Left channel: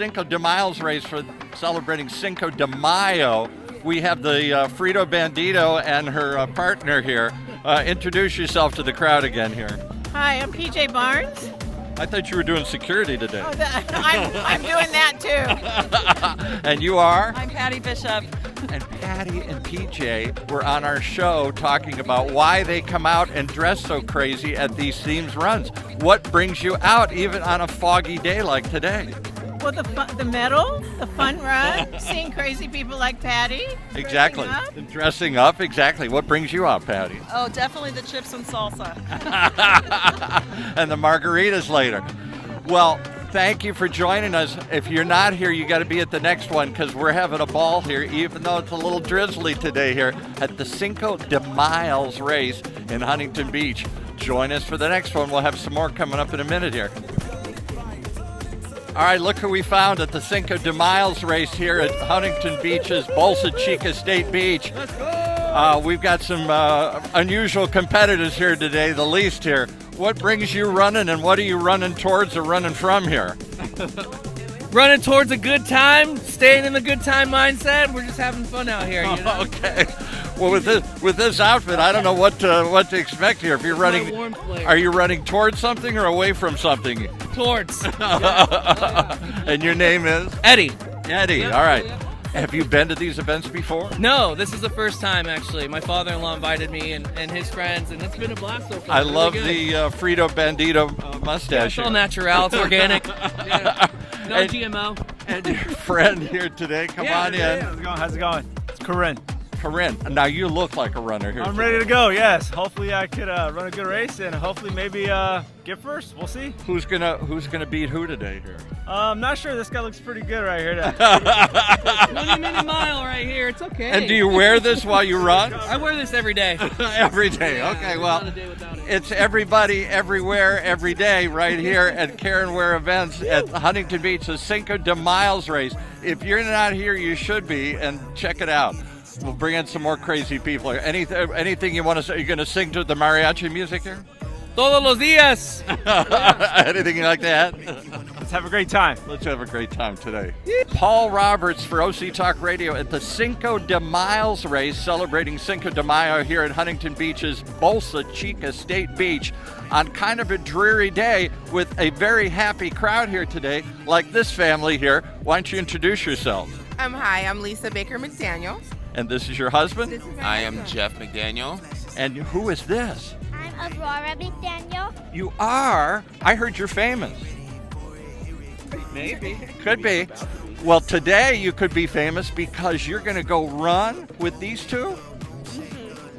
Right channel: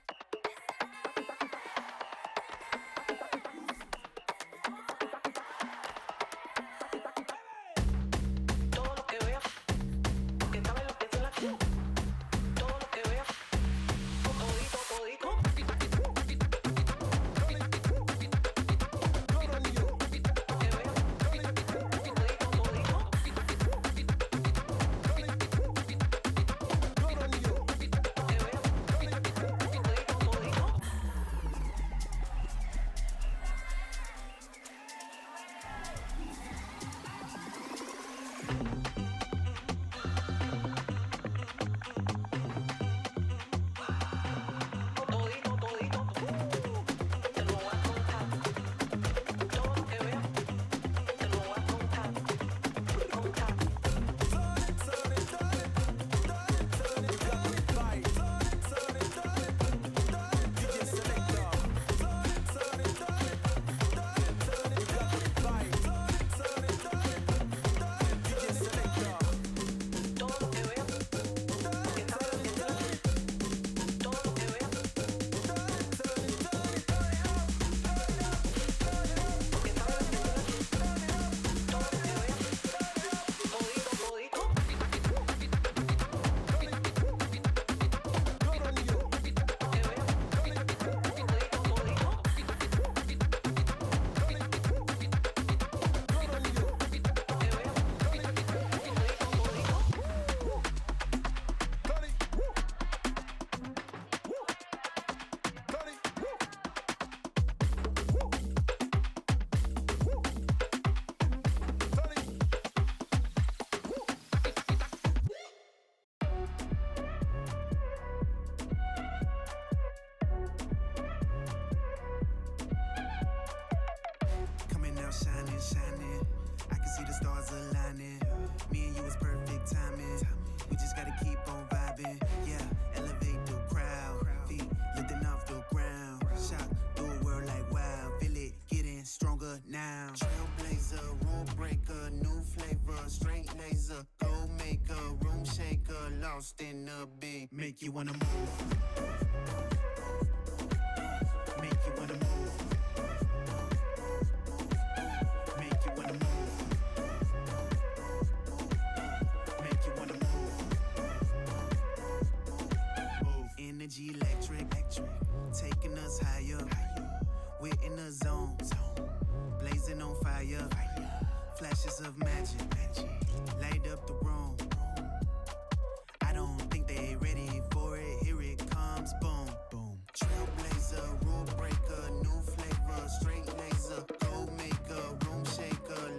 Cinco de Miles race for celebrating Cinco de Mayo. We have the Frito Bandito and her partner here. Introduce yourself to the crowd again here. Hi, I'm PJ Barnes. I thought you were doing security today. I'm doing that too. And you are? I'm Patty Bishop. And Patty and PJ were on our show talking about why they come out and dress so crazy at these themed runs. What brings you out even on a foggy day like today? Well, the medal, the fun run, seeing crazy people like Patty. Exactly. Dressing up, exactly. What brings you out, Patty? Oh, definitely the chips and salsa. And the margaritas later. Well, thank you for joining us. If you're not here, you got to be at the next one because we're having a ball here, even though it's a little drizzly today here at the Cinco de Miles race in Huntington Beach. Join us for the next one. We'll have some more coming up in a minute here. All right, look who we found at the Cinco de Miles race here at Huntington Beach's Bolsa Chica State Beach. We've got some unusual competitors here today, the least here. What brings you running and what are you running towards or running from here? Running towards a good time, staying in the good time mindset. We're just having fun out here. You know? Okay. Well, with this outfit, I don't know what to expect here. If you're running, are you running towards something or away from something? Towards. And your name is? Eddie. Eddie. All right. Have you been to these events before? No, this is the first time actually. My father-in-law invited me and his friends, and it's been a blast so far. I love the Frito Bandito mustache. It's all natural. It's organic. Yeah. No GMO. And your friend here today, come on in. How's it going? It's Caren. Caren. Now you look like a runner here. I'm ready to go, yes. Hopefully I could run a good race and hopefully maybe get first. We'll see. Who's gonna beat who today here? I'm not sure. This guy looks pretty good right here. 20 minute mile right here. It's okay. And do you wear this while you run? I wear this every day. Every day. Okay, well, it's everybody, everywhere, every day right here at Caren Ware events at Huntington Beach, the Cinco de Miles race. If you're not here, you should be, and check it out. We'll bring in some more crazy people here. Anything you want to say? Are you going to sing to the mariachi music here? Todos los días. Anything you like to add? Let's have a great time. Let's have a great time today. Paul Roberts for OC Talk Radio at the Cinco de Miles race, celebrating Cinco de Mayo here at Huntington Beach's Bolsa Chica State Beach on kind of a dreary day with a very happy crowd here today, like this family here. Why don't you introduce yourself? Hi, I'm Lisa Baker McDaniel. And this is your husband? I am Jeff McDaniel. And who is this? I'm Aurora McDaniel. You are? I heard you're famous. Maybe. Could be. Well, today you could be famous because you're going to go run with these two?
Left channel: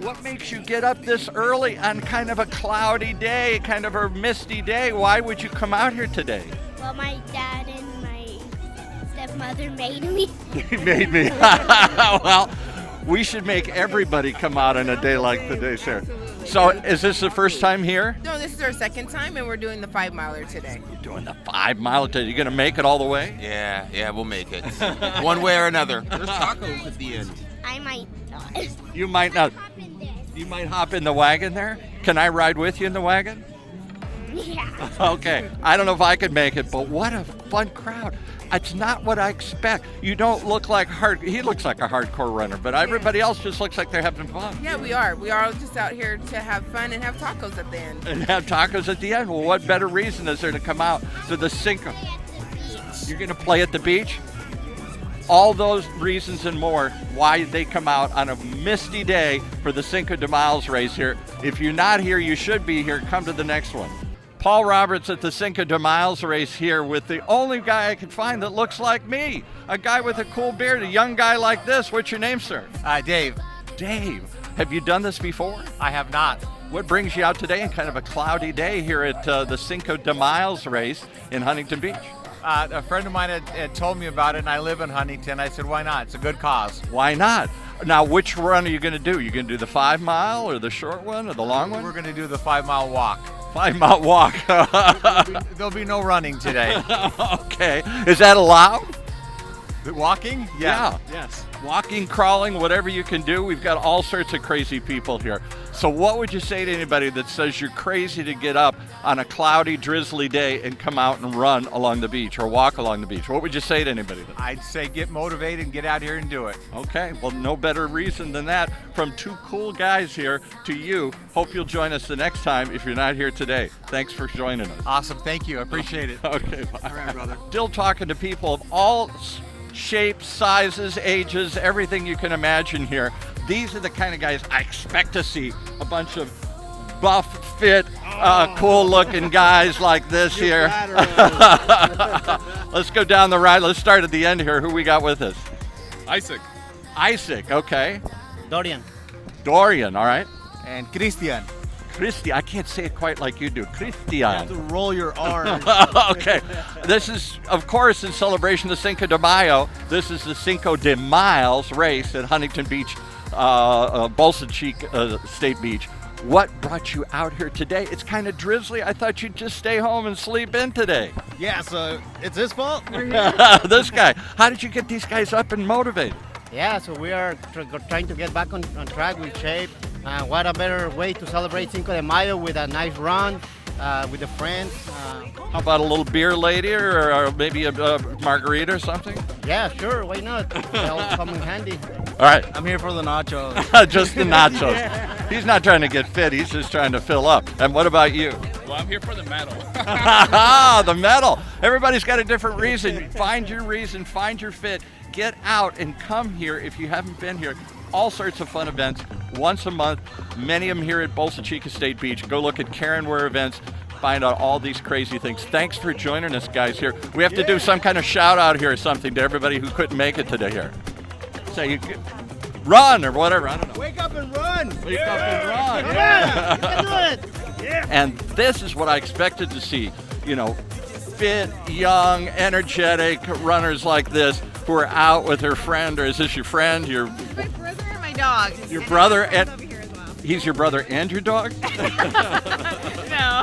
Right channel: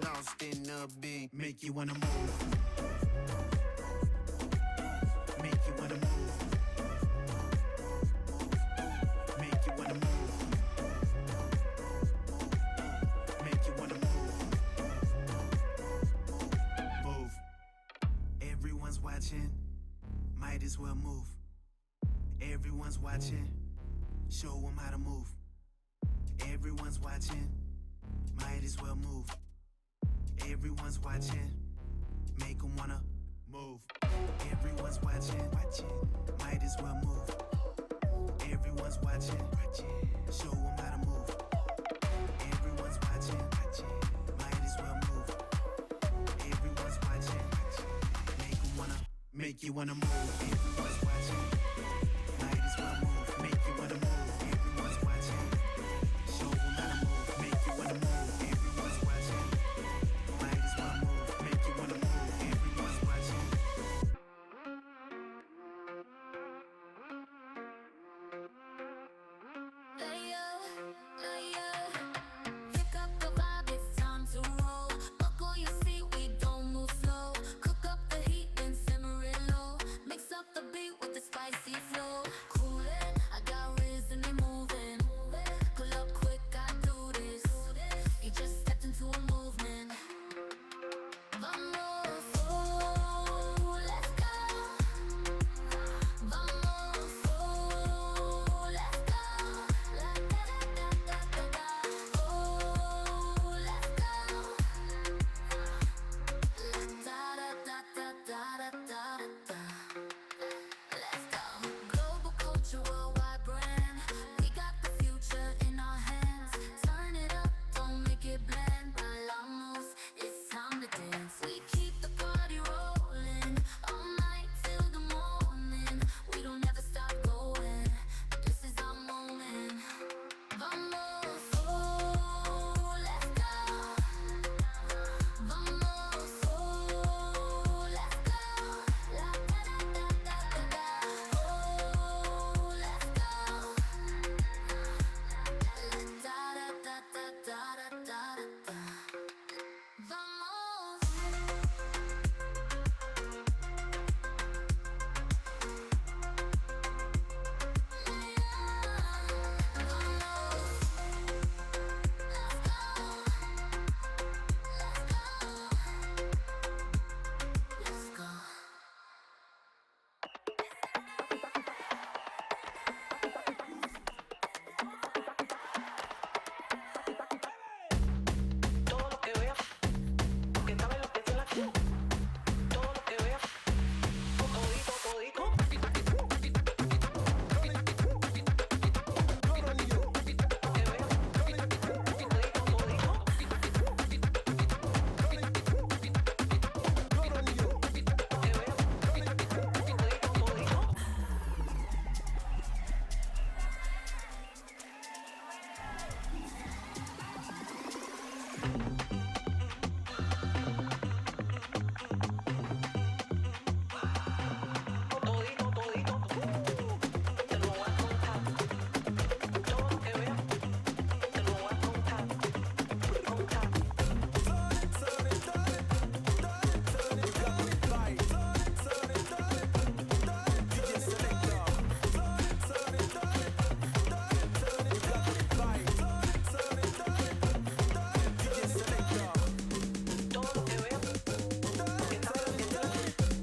What makes you get up this early on kind of a cloudy day, kind of a misty day? Why would you come out here today? Well, my dad and my stepmother made me. He made me. Well, we should make everybody come out on a day like today, sir. So is this the first time here? No, this is our second time, and we're doing the 5-miler today. You're doing the 5-mile today. You going to make it all the way? Yeah, we'll make it. One way or another. There's tacos at the end. I might not. You might not. You might hop in the wagon there. Can I ride with you in the wagon? Yeah. Okay. I don't know if I could make it, but what a fun crowd. It's not what I expect. You don't look like he looks like a hardcore runner, but everybody else just looks like they're having fun. Yeah, we are. We are all just out here to have fun and have tacos at the end. And have tacos at the end. Well, what better reason is there to come out to the Cinco? You're going to play at the beach? All those reasons and more why they come out on a misty day for the Cinco de Miles race here. If you're not here, you should be here. Come to the next one. Paul Roberts at the Cinco de Miles race here with the only guy I could find that looks like me. A guy with a cool beard, a young guy like this. What's your name, sir? Dave. Dave. Have you done this before? I have not. What brings you out today in kind of a cloudy day here at the Cinco de Miles race in Huntington Beach? A friend of mine had told me about it, and I live in Huntington. I said, why not? It's a good cause. Why not? Now, which run are you going to do? You going to do the 5-mile or the short one or the long one? We're going to do the 5-mile walk. 5-mile walk. There'll be no running today. Okay. Is that allowed? Walking? Yeah. Yes. walking, crawling, whatever you can do. We've got all sorts of crazy people here. So what would you say to anybody that says you're crazy to get up on a cloudy, drizzly day and come out and run along the beach or walk along the beach? What would you say to anybody? I'd say get motivated and get out here and do it. Okay, well, no better reason than that. From two cool guys here to you. Hope you'll join us the next time if you're not here today. Thanks for joining us. Awesome. Thank you. I appreciate it. Okay, bye. All right, brother. Still talking to people of all shapes, sizes, ages, everything you can imagine here. These are the kind of guys I expect to see. A bunch of buff, fit, cool-looking guys like this here. Let's go down the right. Let's start at the end here. Who we got with us? Isaac, okay. Dorian, all right. And Christian. Christy, I can't say it quite like you do. Christian. You have to roll your R's. Okay. This is, of course, in celebration of Cinco de Mayo. This is the Cinco de Miles race at Huntington Beach, Bolsa Chica State Beach. What brought you out here today? It's kind of drizzly. I thought you'd just stay home and sleep in today. Yeah, so it's his fault. This guy. How did you get these guys up and motivated? Yeah, so we are trying to get back on track with shape. What a better way to celebrate Cinco de Mayo with a nice run with the friends. How about a little beer lady or maybe a margarita or something? Yeah, sure, why not? They'll come in handy. All right. I'm here for the nachos. Just the nachos. He's not trying to get fit. He's just trying to fill up. And what about you? Well, I'm here for the medal. The medal. Everybody's got a different reason. Find your reason. Find your fit. Get out and come here if you haven't been here. All sorts of fun events once a month. Many of them here at Bolsa Chica State Beach. Go look at Caren Ware events. Find out all these crazy things. Thanks for joining us, guys, here. We have to do some kind of shout out here or something to everybody who couldn't make it today here. Say, run or whatever. I don't know. Wake up and run. Wake up and run. Yeah, do it. And this is what I expected to see. You know, fit, young, energetic runners like this who are out with their friend, or is this your friend? My brother and my dog. Your brother and Over here as well. he's your brother and your dog? No.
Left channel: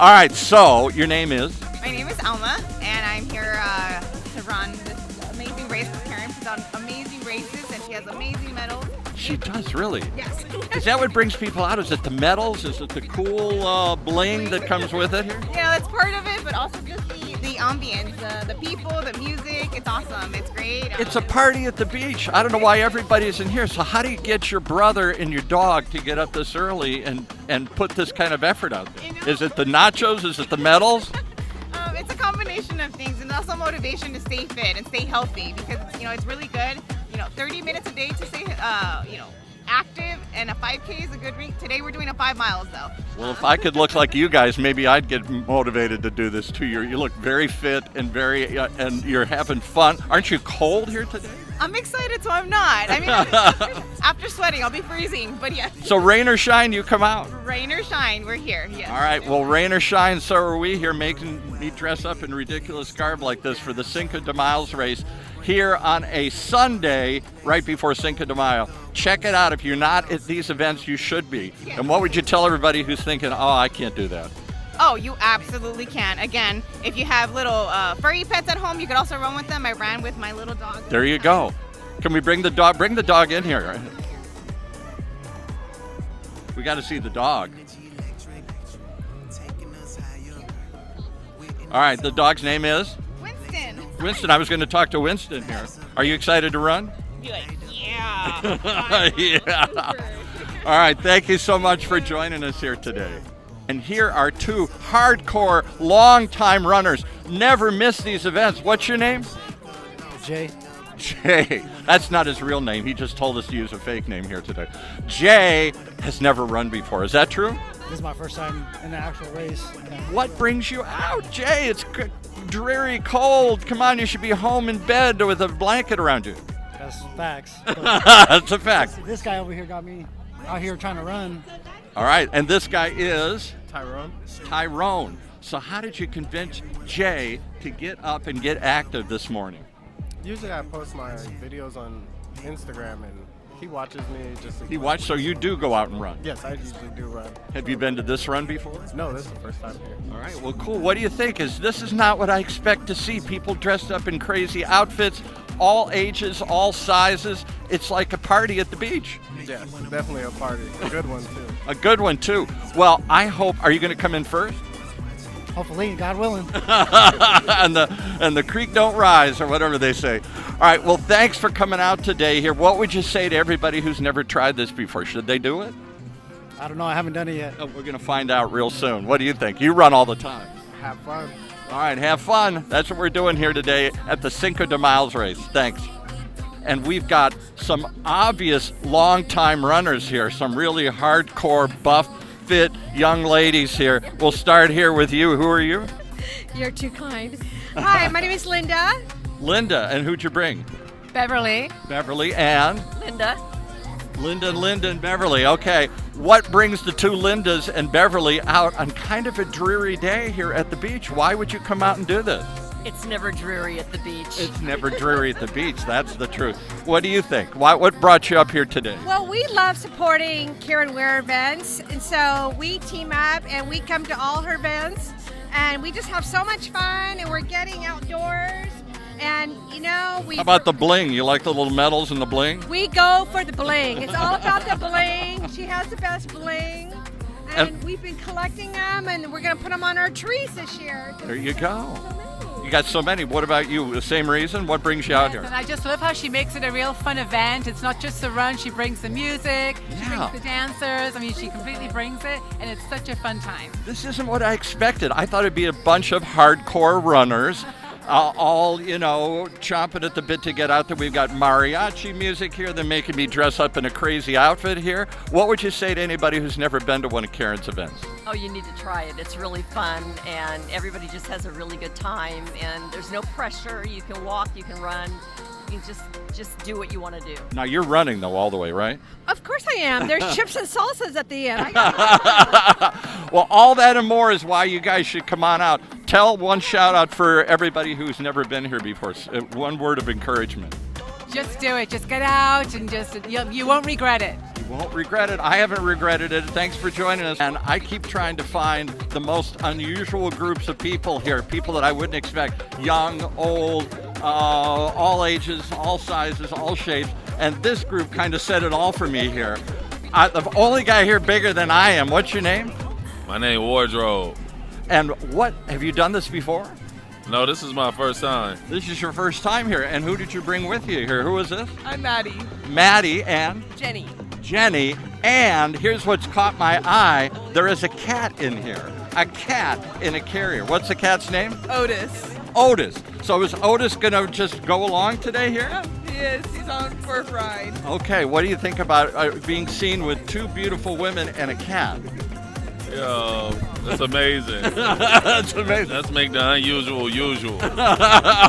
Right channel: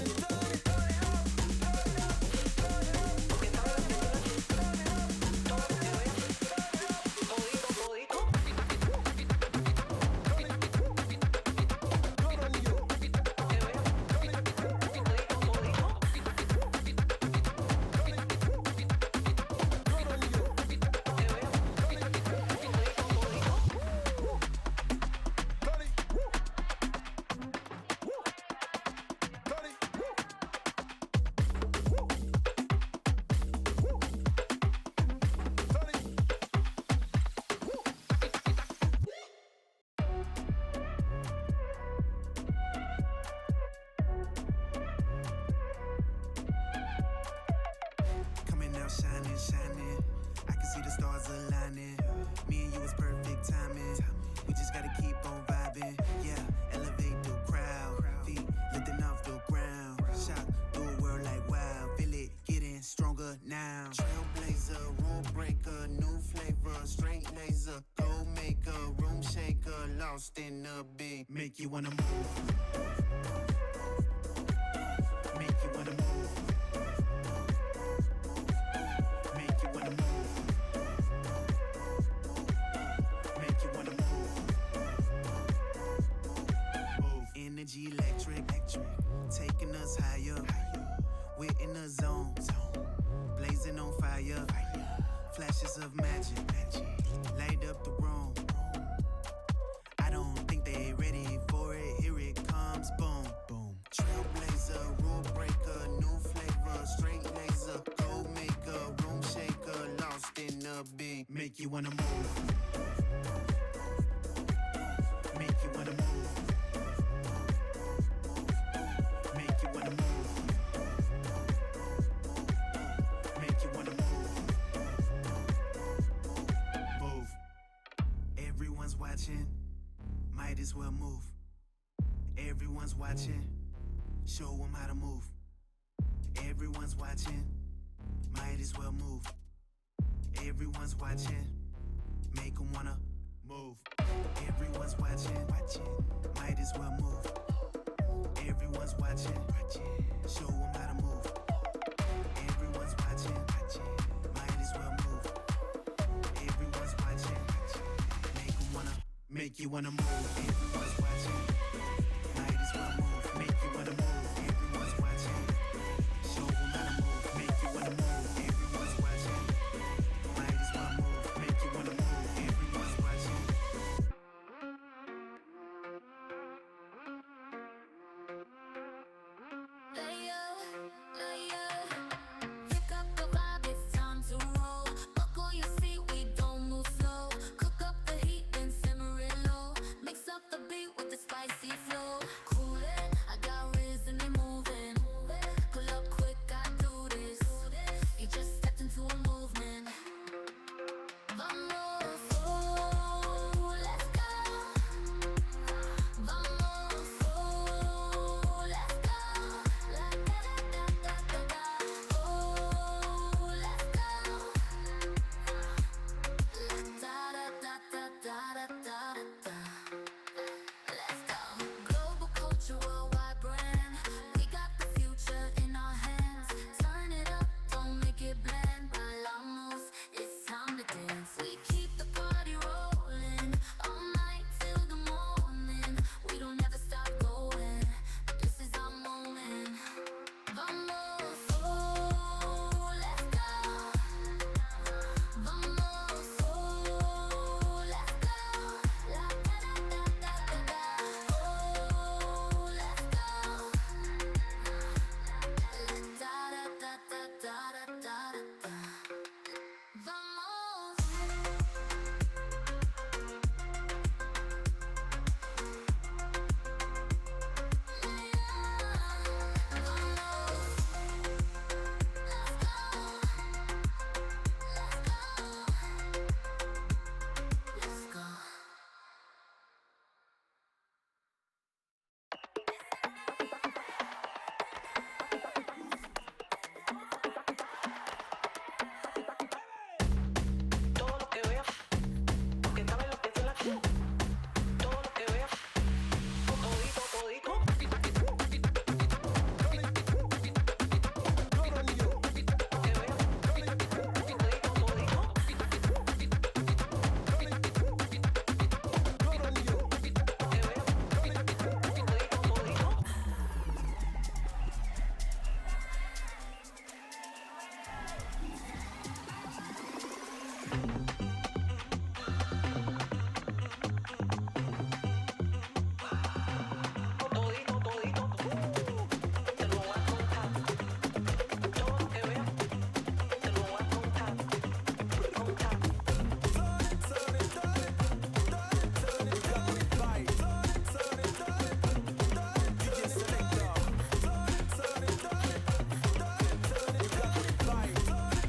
All right, so your name is? My name is Alma, and I'm here to run this amazing race with Caren. She's done amazing races, and she has amazing medals. She does, really. Yes. Is that what brings people out? Is it the medals? Is it the cool bling that comes with it? Yeah, that's part of it, but also just the ambience, the people, the music. It's awesome. It's great. It's a party at the beach. I don't know why everybody's in here. So how do you get your brother and your dog to get up this early and put this kind of effort out there? Is it the nachos? Is it the medals? It's a combination of things, and also motivation to stay fit and stay healthy, because it's really good. 30 minutes a day to stay active, and a 5K is a good reach. Today we're doing a 5 miles though. Well, if I could look like you guys, maybe I'd get motivated to do this too. You look very fit and and you're having fun. Aren't you cold here today? I'm excited, so I'm not. I mean, after sweating, I'll be freezing, but yes. So rain or shine, you come out. Rain or shine, we're here. Yes. All right, well, rain or shine, so are we here making me dress up in ridiculous garb like this for the Cinco de Miles race here on a Sunday right before Cinco de Mayo. Check it out. If you're not at these events, you should be. And what would you tell everybody who's thinking, oh, I can't do that? Oh, you absolutely can. Again, if you have little furry pets at home, you could also run with them. I ran with my little dog. There you go. Can we bring the dog? Bring the dog in here. We got to see the dog. All right, the dog's name is? Winston. Winston. I was going to talk to Winston here. Are you excited to run? Yeah. Yeah. All right, thank you so much for joining us here today. And here are two hardcore, long-time runners. Never miss these events. What's your name? Jay. Jay. That's not his real name. He just told us to use a fake name here today. Jay has never run before. Is that true? This is my first time in the actual race. What brings you out, Jay? It's dreary, cold. Come on, you should be home in bed with a blanket around you. That's facts. That's a fact. This guy over here got me out here trying to run. All right, and this guy is? Tyrone. Tyrone. So how did you convince Jay to get up and get active this morning? Usually I post my videos on Instagram, and He watches me. He watched, so you do go out and run. Yes, I usually do run. Have you been to this run before? No, this is the first time here. All right, well, cool. What do you think? This is not what I expect to see. People dressed up in crazy outfits, all ages, all sizes. It's like a party at the beach. Yeah, definitely a party. A good one, too. A good one, too. Well, I hope, are you going to come in first? Hopefully, God willing. and the creek don't rise, or whatever they say. All right, well, thanks for coming out today here. What would you say to everybody who's never tried this before? Should they do it? I don't know. I haven't done it yet. Oh, we're going to find out real soon. What do you think? You run all the time. Have fun. All right, have fun. That's what we're doing here today at the Cinco de Miles race. Thanks. And we've got some obvious long-time runners here, some really hardcore, buff, fit young ladies here. We'll start here with you. Who are you? You're too kind. Hi, my name is Linda. Linda. And who'd you bring? Beverly. Beverly and? Linda. Linda and Beverly. Okay. What brings the two Lindas and Beverly out on kind of a dreary day here at the beach? Why would you come out and do this? It's never dreary at the beach. It's never dreary at the beach. That's the truth. What do you think? What brought you up here today? Well, we love supporting Caren Ware events, and so we team up and we come to all her events, and we just have so much fun, and we're getting outdoors, and you know, How about the bling? You like the little medals and the bling? we go for the bling. It's all about the bling. She has the best bling, and we've been collecting them, and we're gonna put them on our trees this year. There you go. You got so many. What about you? The same reason? What brings you out here? And I just love how she makes it a real fun event. It's not just the run. She brings the music. She brings the dancers. I mean, she completely brings it, and it's such a fun time. This isn't what I expected. I thought it'd be a bunch of hardcore runners, all, you know, chomping at the bit to get out there. We've got mariachi music here. They're making me dress up in a crazy outfit here. What would you say to anybody who's never been to one of Caren's events? Oh, you need to try it. It's really fun, and everybody just has a really good time, and there's no pressure. You can walk, you can run. You just do what you want to do. Now, you're running, though, all the way, right? Of course I am. There's chips and salsas at the end. I got Well, all that and more is why you guys should come on out. Tell one shout out for everybody who's never been here before. One word of encouragement. Just do it. Just get out and you won't regret it. Won't regret it. I haven't regretted it. Thanks for joining us. And I keep trying to find the most unusual groups of people here, people that I wouldn't expect. Young, old, all ages, all sizes, all shapes. And this group kind of said it all for me here. The only guy here bigger than I am. What's your name? My name is Wardrobe. And have you done this before? No, this is my first time. This is your first time here. And who did you bring with you here? Who is this? I'm Maddie. Maddie and? Jenny. Jenny. And here's what's caught my eye. There is a cat in here. A cat in a carrier. What's the cat's name? Otis. Otis. So is Otis going to just go along today here? Yeah, he is. He's on for a ride. Okay, what do you think about being seen with two beautiful women and a cat? Yo, that's amazing. That's amazing. Let's make the unusual usual.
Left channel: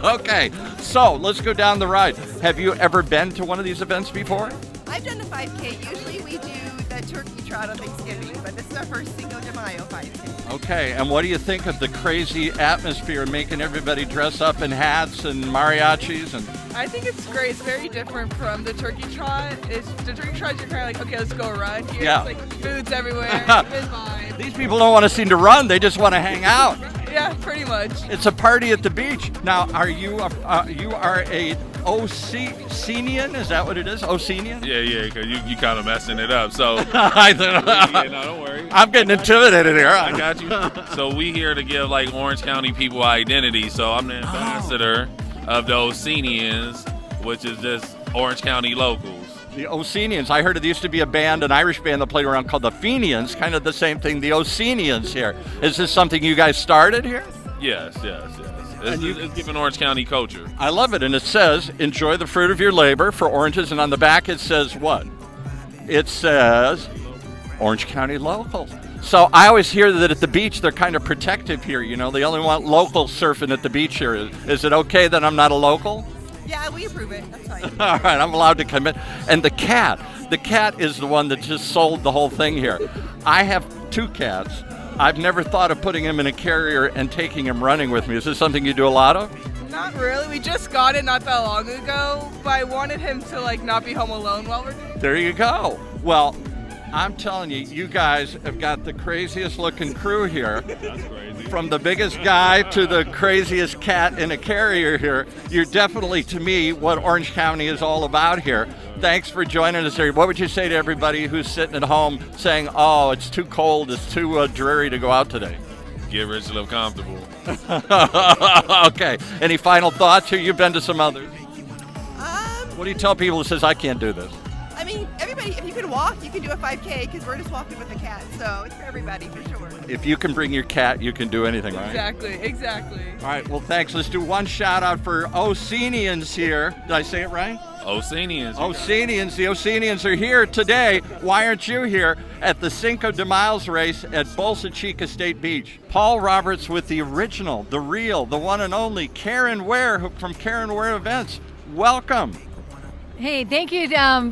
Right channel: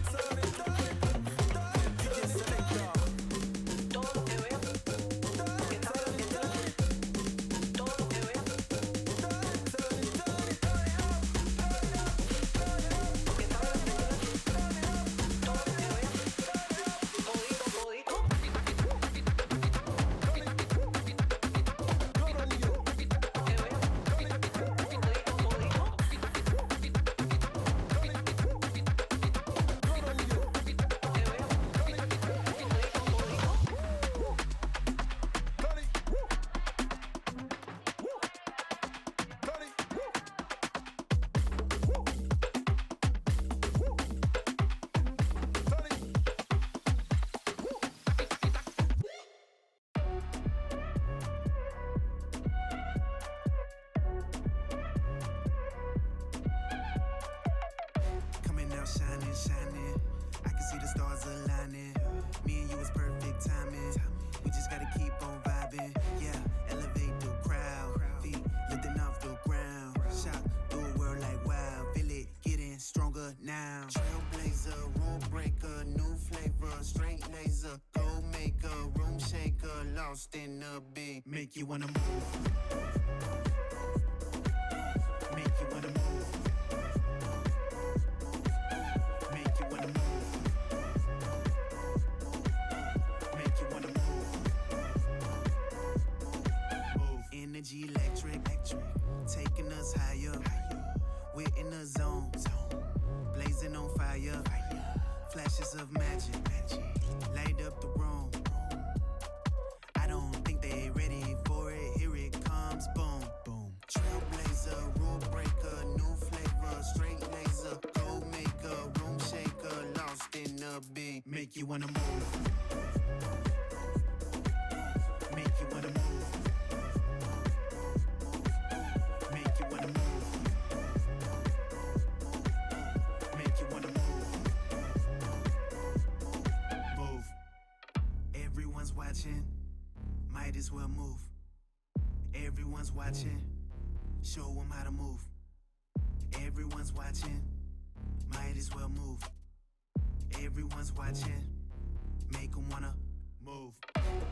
Okay, so let's go down the ride. Have you ever been to one of these events before? I've done the 5K. Usually we do the turkey trot on Thanksgiving, but this is our first Cinco de Mayo 5K. Okay, and what do you think of the crazy atmosphere making everybody dress up in hats and mariachis? And I think it's great. It's very different from the turkey trot. The turkey trot, you're kind of like, okay, let's go run. Here, Yeah. it's like foods everywhere. It's fine. These people don't want to seem to run; they just want to hang out. Yeah, pretty much. It's a party at the beach. Now, are you you are a Ocenian? Is that what it is? Ocenian? Yeah, because you kind of messing it up. So, I no, don't worry. I'm getting intimidated here. I got you. So we here to give like Orange County people identity. So I'm the ambassador of the Ocenians, which is just Orange County locals. The Ocenians. I heard it used to be a band, an Irish band that played around called the Fenians, kind of the same thing, the Ocenians here. Is this something you guys started here? Yes. It's giving Orange County culture. I love it, and it says, enjoy the fruit of your labor for oranges, and on the back it says what? It says Orange County locals. So I always hear that at the beach they're kind of protective here, you know, they only want locals surfing at the beach here. Is it okay that I'm not a local? Yeah, we approve it. That's fine. All right, I'm allowed to come in. And the cat is the one that just sold the whole thing here. I have two cats. I've never thought of putting him in a carrier and taking him running with me. Is this something you do a lot of? Not really. We just got it not that long ago, but I wanted him to like not be home alone while we're there. There you go. Well, I'm telling you, you guys have got the craziest looking crew here. From the biggest guy to the craziest cat in a carrier here. You're definitely, to me, what Orange County is all about here. Thanks for joining us here. What would you say to everybody who's sitting at home saying, oh, it's too cold, it's too dreary to go out today? Get rich, live comfortable. Okay. Any final thoughts here? You've been to some others. What do you tell people who says, I can't do this? I mean, everybody, if you can walk, you can do a 5K because we're just walking with the cat. So it's for everybody, for sure. If you can bring your cat, you can do anything, right? Exactly. All right, well, thanks. Let's do one shout out for Oceanians here. Did I say it right? Oceanians. Oceanians. The Oceanians are here today. Why aren't you here at the Cinco de Miles race at Bolsa Chica State Beach? Paul Roberts with the original, the real, the one and only Caren Ware from Caren Ware Events. Welcome. Hey, thank you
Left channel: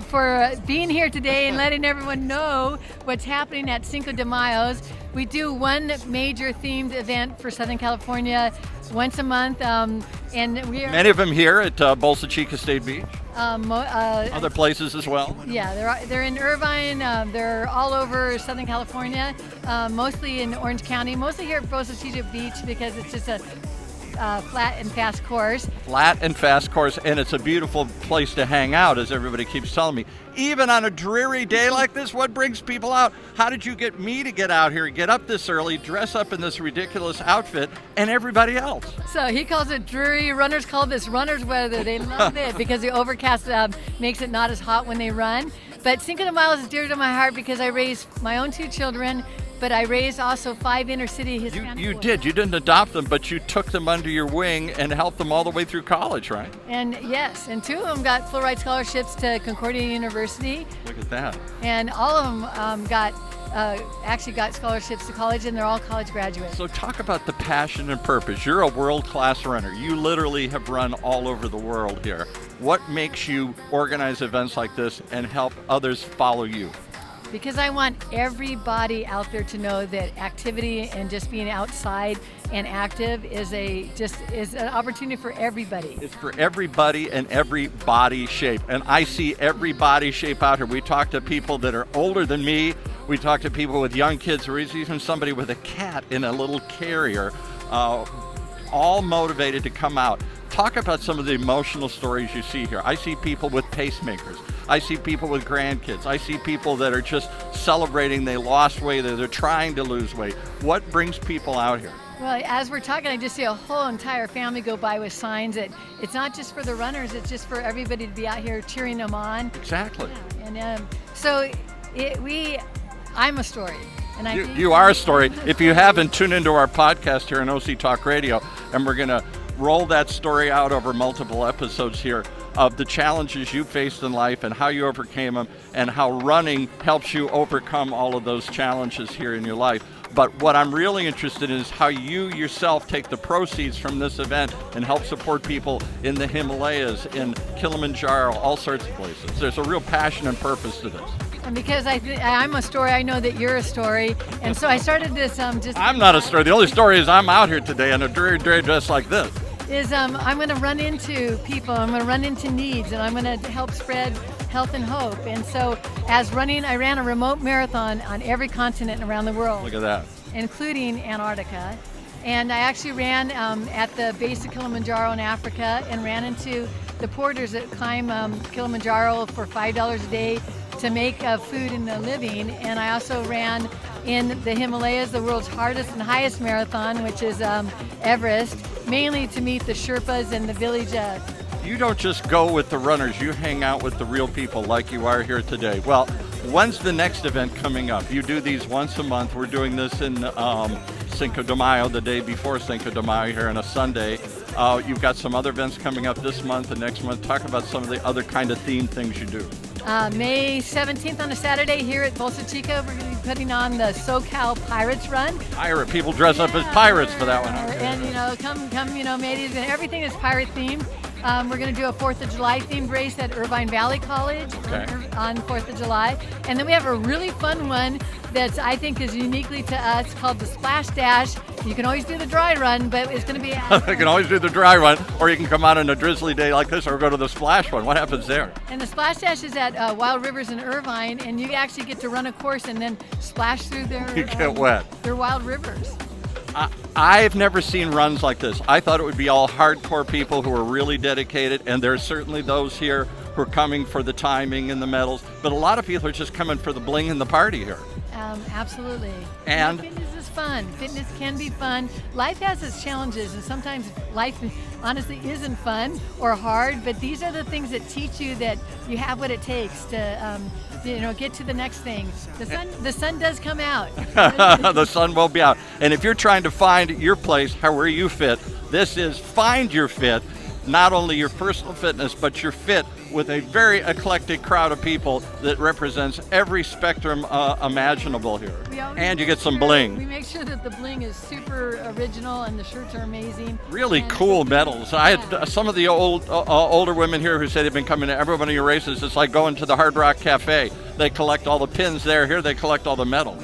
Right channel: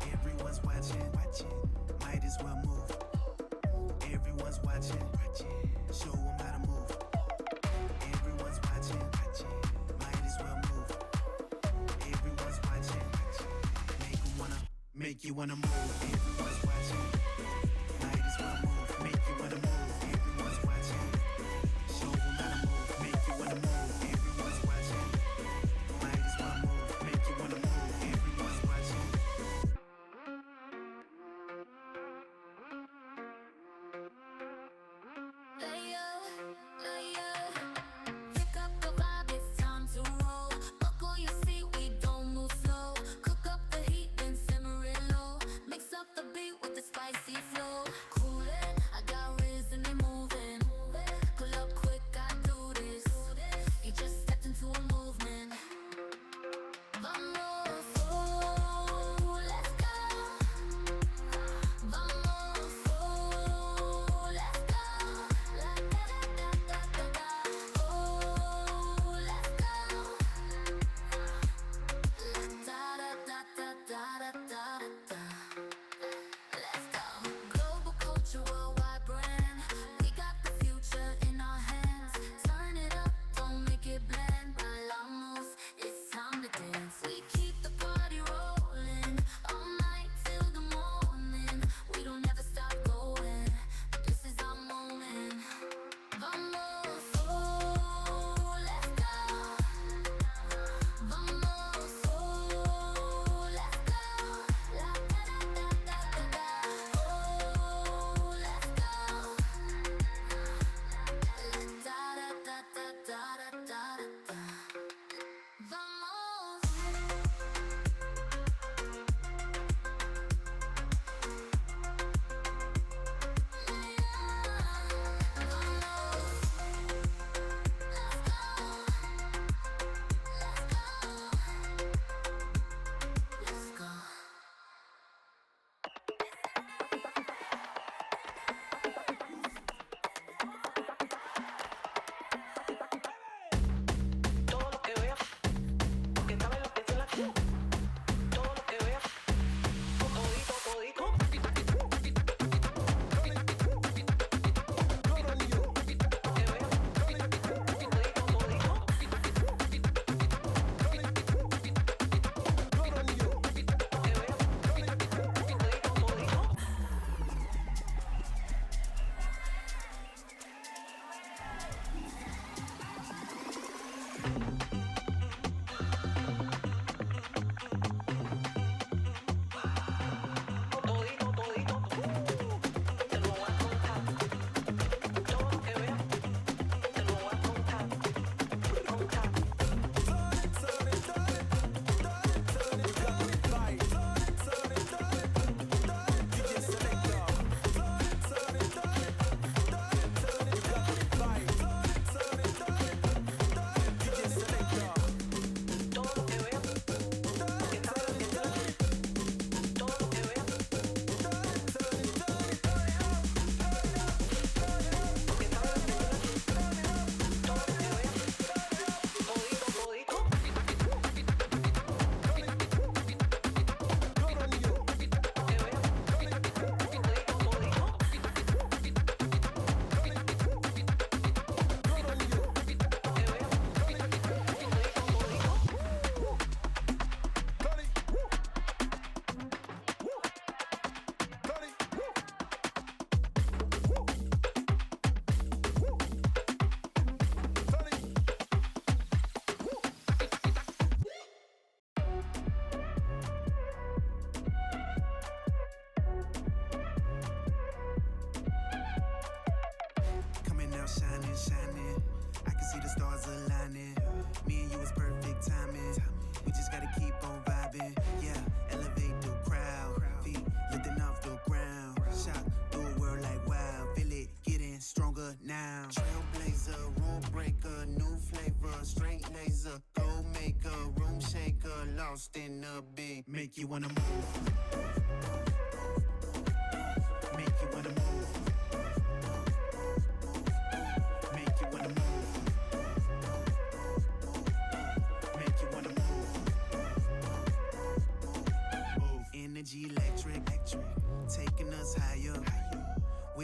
for being here today and letting everyone know what's happening at Cinco de Mayo. We do one major themed event for Southern California once a month, and we are Many of them here at Bolsa Chica State Beach. Other places as well. Yeah, they're in Irvine. They're all over Southern California, mostly in Orange County, mostly here at Bolsa Chica Beach because it's just a flat and fast course. Flat and fast course, and it's a beautiful place to hang out, as everybody keeps telling me. Even on a dreary day like this, what brings people out? How did you get me to get out here, get up this early, dress up in this ridiculous outfit, and everybody else? So he calls it dreary. Runners call this runner's weather. They love it because the overcast makes it not as hot when they run. But Cinco de Mayo is dear to my heart because I raised my own 2 children, but I raised also 5 inner city Hispanic You did. You didn't adopt them, but you took them under your wing and helped them all the way through college, right? And yes, and 2 of them got full ride scholarships to Concordia University. Look at that. And all of them actually got scholarships to college, and they're all college graduates. So talk about the passion and purpose. You're a world-class runner. You literally have run all over the world here. What makes you organize events like this and help others follow you? Because I want everybody out there to know that activity and just being outside and active is an opportunity for everybody. It's for everybody and every body shape. And I see every body shape out here. We talk to people that are older than me. We talk to people with young kids, or even somebody with a cat in a little carrier, all motivated to come out. Talk about some of the emotional stories you see here. I see people with pacemakers. I see people with grandkids. I see people that are just celebrating they lost weight, or they're trying to lose weight. What brings people out here? Well, as we're talking, I just see a whole entire family go by with signs that it's not just for the runners, it's just for everybody to be out here cheering them on. Exactly. And so I'm a story. And You are a story. If you haven't, tune into our podcast here on OC Talk Radio, and we're going to roll that story out over multiple episodes here of the challenges you faced in life and how you overcame them, and how running helps you overcome all of those challenges here in your life. But what I'm really interested in is how you yourself take the proceeds from this event and help support people in the Himalayas, in Kilimanjaro, all sorts of places. There's a real passion and purpose to this. Because I'm a story, I know that you're a story, and so I started this I'm not a story. The only story is I'm out here today in a dreary dress like this. I'm going to run into people, I'm going to run into needs, and I'm going to help spread health and hope. And so I ran a remote marathon on every continent around the world. Look at that. Including Antarctica. And I actually ran at the base of Kilimanjaro in Africa, and ran into the porters that climb Kilimanjaro for $5 a day to make food and a living. And I also ran in the Himalayas, the world's hardest and highest marathon, which is Everest, mainly to meet the Sherpas and the village. You don't just go with the runners, you hang out with the real people like you are here today. Well, when's the next event coming up? You do these once a month. We're doing this in Cinco de Mayo, the day before Cinco de Mayo here on a Sunday. You've got some other events coming up this month and next month. Talk about some of the other kind of themed things you do. May 17th on a Saturday here at Bolsa Chica, we're going to be putting on the SoCal Pirates Run. Pirate people dress up as pirates for that one. And come, mateys, and everything is pirate themed. We're going to do a 4th of July themed race at Irvine Valley College on 4th of July. And then we have a really fun one that I think is uniquely to us called the Splash Dash. You can always do the dry run, but it's going to be... You can always do the dry run, or you can come out on a drizzly day like this or go to the splash one. What happens there? And the Splash Dash is at Wild Rivers in Irvine, and you actually get to run a course and then splash through their, You get wet. their wild rivers. I've never seen runs like this. I thought it would be all hardcore people who are really dedicated, and there's certainly those here who are coming for the timing and the medals, but a lot of people are just coming for the bling and the party here. Absolutely. And fitness is fun. Fitness can be fun. Life has its challenges, and sometimes life honestly isn't fun or hard, but these are the things that teach you that you have what it takes to get to the next thing. The sun does come out. the sun will be out. And if you're trying to find your place, where you fit, this is Find Your Fit. Not only your personal fitness, but you're fit with a very eclectic crowd of people that represents every spectrum imaginable here. And you get some bling. We make sure that the bling is super original and the shirts are amazing. Really cool medals. I had some of the older women here who said they've been coming to every one of your races. It's like going to the Hard Rock Cafe. They collect all the pins there. Here they collect all the medals.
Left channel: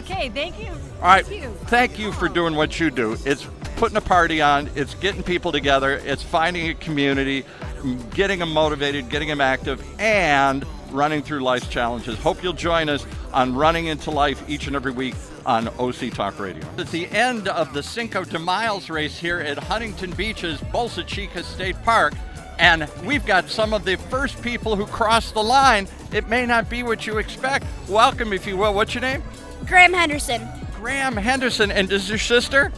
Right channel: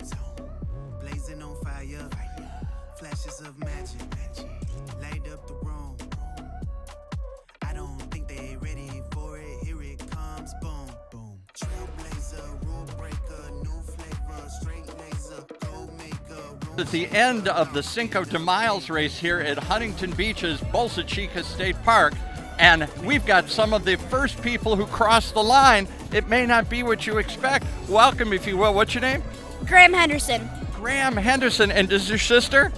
Okay, thank you. All right, thank you for doing what you do. It's putting a party on, it's getting people together, it's finding a community, getting them motivated, getting them active, and running through life's challenges. Hope you'll join us on Running into Life each and every week on OC Talk Radio. It's the end of the Cinco de Miles race here at Huntington Beach's Bolsa Chica State Park, and we've got some of the first people who crossed the line. It may not be what you expect. Welcome, if you will. What's your name? Graham Henderson. Graham Henderson, and is your sister?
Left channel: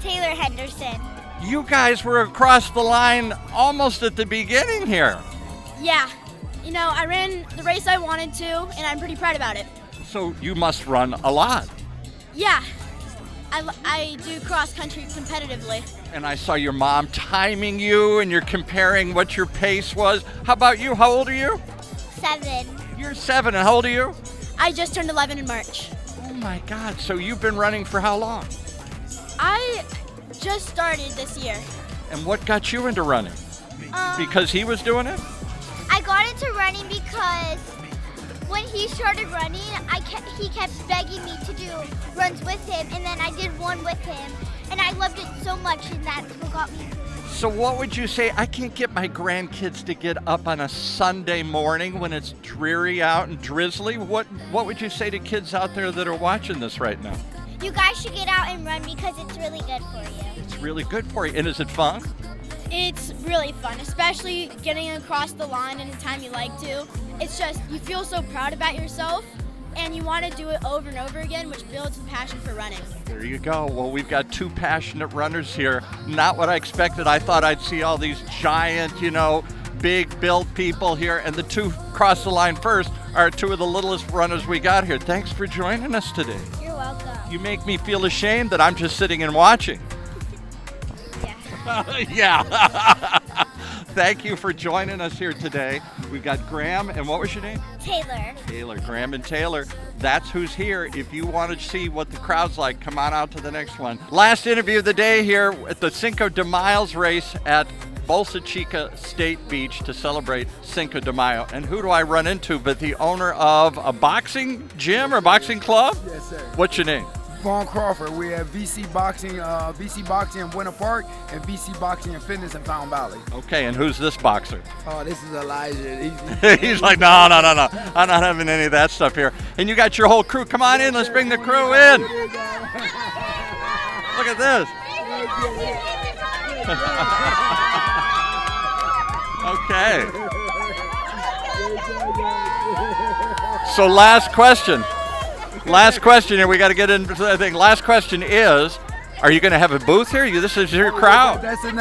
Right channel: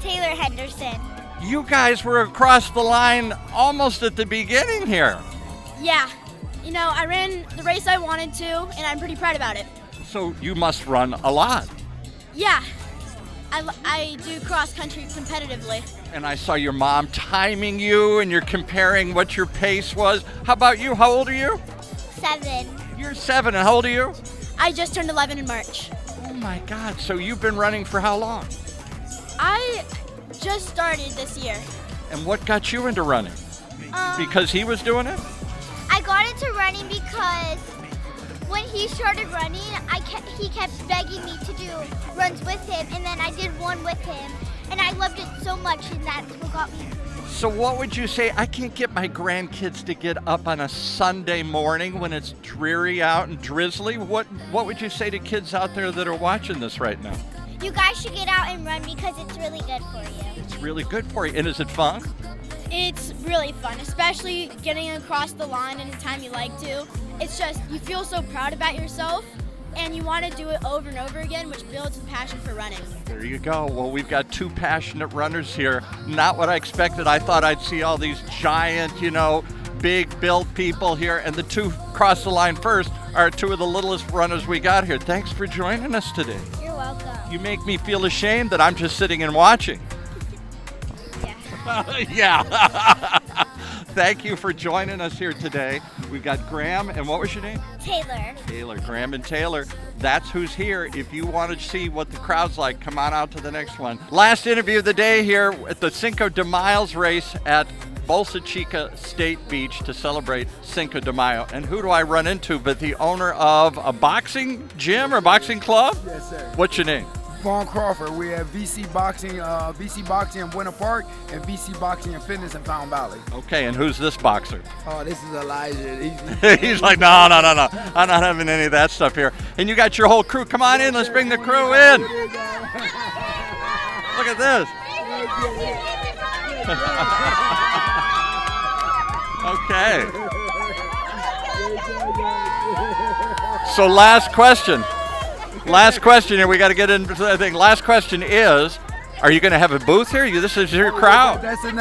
Taylor Henderson. You guys were across the line almost at the beginning here. Yeah. You know, I ran the race I wanted to, and I'm pretty proud about it. So you must run a lot. Yeah. I do cross country competitively. And I saw your mom timing you, and you're comparing what your pace was. How about you? How old are you? 7. You're 7, and how old are you? I just turned 11 in March. Oh my God, so you've been running for how long? I just started this year. And what got you into running? Because he was doing it? I got into running because when he started running, he kept begging me to do runs with him, and then I did one with him, and I loved it so much, and that's what got me into it. So what would you say? I can't get my grandkids to get up on a Sunday morning when it's dreary out and drizzly. What would you say to kids out there that are watching this right now? You guys should get out and run because it's really good for you. It's really good for you. And is it fun? It's really fun, especially getting across the line in a time you like to. It's just, you feel so proud about yourself, and you want to do it over and over again, which builds the passion for running. There you go. Well, we've got 2 passionate runners here. Not what I expected. I thought I'd see all these giant, big built people here, and the 2 cross the line first are 2 of the littlest runners we got here. Thanks for joining us today. You're welcome. You make me feel ashamed that I'm just sitting and watching. Yeah. Thank you for joining us here today. We've got Graham, and what was your name? Taylor. Taylor, Graham and Taylor. That's who's here. If you want to see what the crowd's like, come on out to the next one. Last interview of the day here at the Cinco de Miles race at Bolsa Chica State Beach to celebrate Cinco de Mayo. And who do I run into but the owner of a boxing gym or boxing club? Yes, sir. What's your name? Vaughn Crawford. We have VC Boxing in Winter Park and VC Boxing and Fitness in Fountain Valley. Okay, and who's this boxer? Oh, this is Elijah. He's like, no. I'm not having any of that stuff here. And you got your whole crew. Come on in. Let's bring the crew in. Look at this. Okay. So last question here. We got to get into the thing. Last question is, are you going to have a booth here? This is your crowd. That's the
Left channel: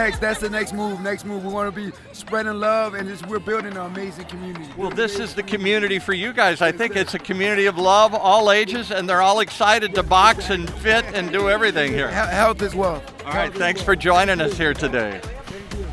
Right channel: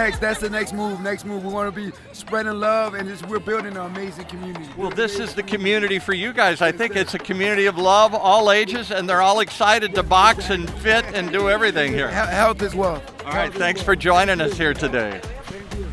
next move. We want to be spreading love, and we're building an amazing community. Well, this is the community for you guys. I think it's a community of love, all ages, and they're all excited to box and fit and do everything here. Health as well. All right, thanks for joining us here today. Thank you.